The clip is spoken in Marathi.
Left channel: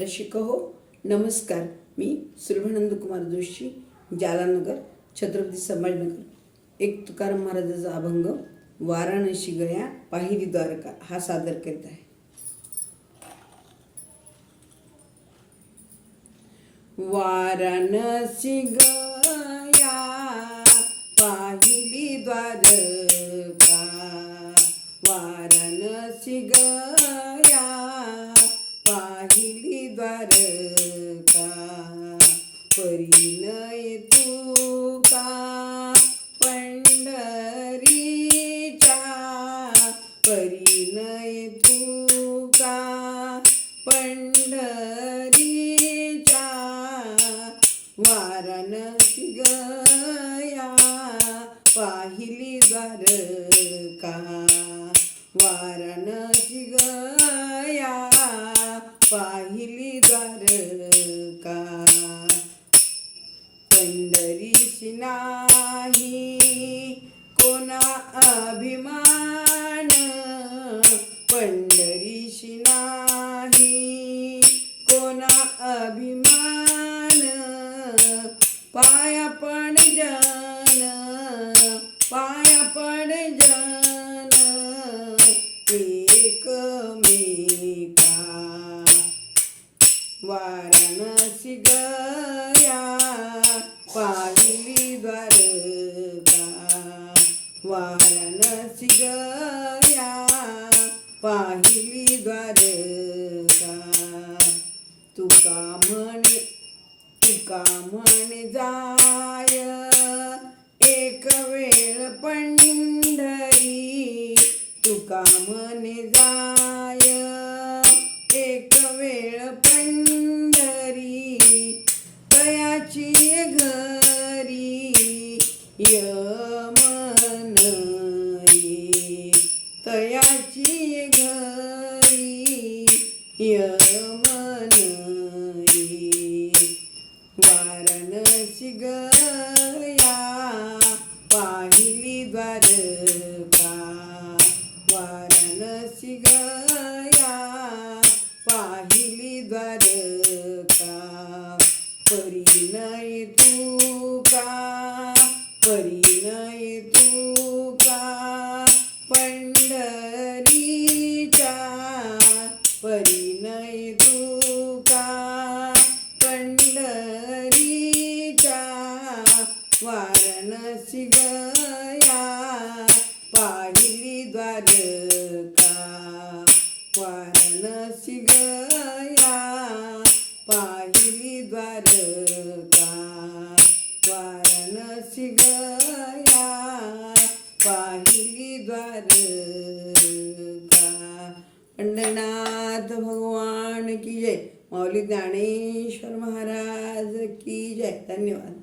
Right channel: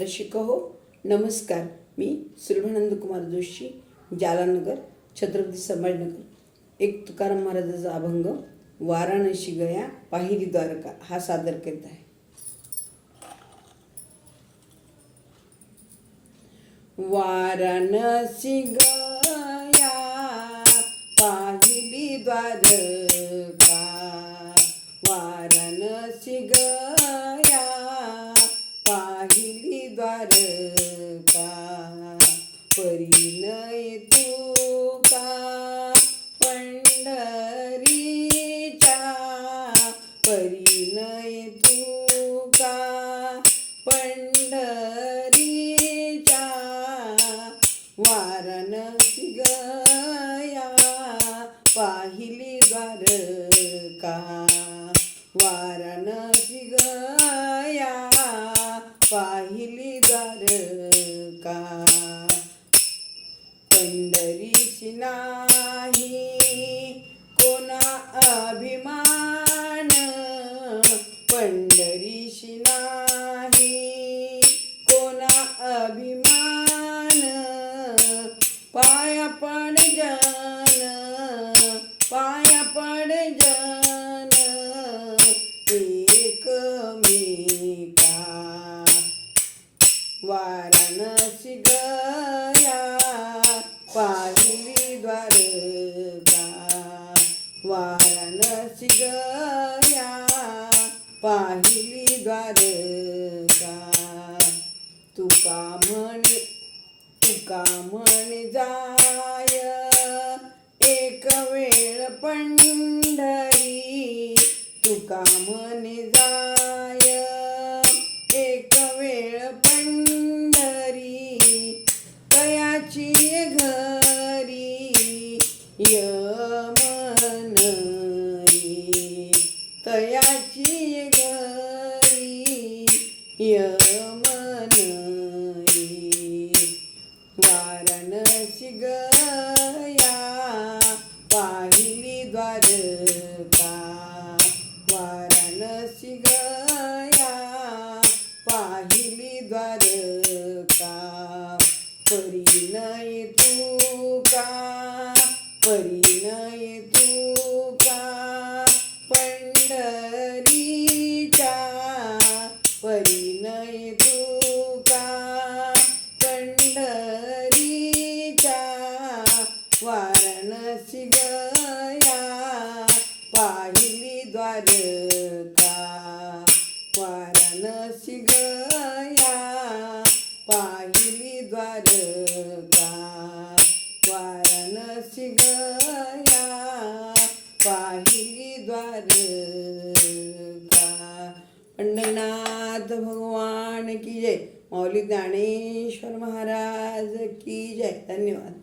रसिक हो नमस्कार. मी सुलभानंद कुमार जोशी, जालानगर, छत्रपती संभाजीनगर. एक तुकाराम महाराजाचा अभंग वाराणसी गया पाहिली द्वारका हा सादर करीत आहे. वाराणसी गया पाहिली द्वारका, वाराणसी गया पाहिली द्वारका. परिणय तुका पंढरीचा, परिणय तुका पंढरीचा. वाराणसी गया पाहिली द्वारका, वाराणसी गया पाहिली द्वारका. पंढरीशी नाही कोणा अभिमान, पंढरीशी नाही कोणा अभिमान. पाया पड जन, पाया पड जन एकमेका. वाराणसी गया पाहिली द्वारका, वाराणसी गया पाहिली द्वारका. तुका म्हणे जाय एक वेळ पंढरी, तुका म्हणे जाय एक वेळ पंढरी. तयाची घरी यमन ये, तयाची घरी यमन ये. वाराणसी गया पाहिली द्वारका, वाराणसी गया पाहिली द्वारका. परिणय तुका, परिणय तुका पंढरीचा, परिणय तुका पंढरीचा. वाराणसी गया पाहिली द्वारका, वाराणसी गया पाहिली द्वारका, वाराणसी गया पाहिली द्वारका. पंढरनाथ भगवान की जय. माऊली ज्ञानेश्वर महाराज की जय. धन्यवाद.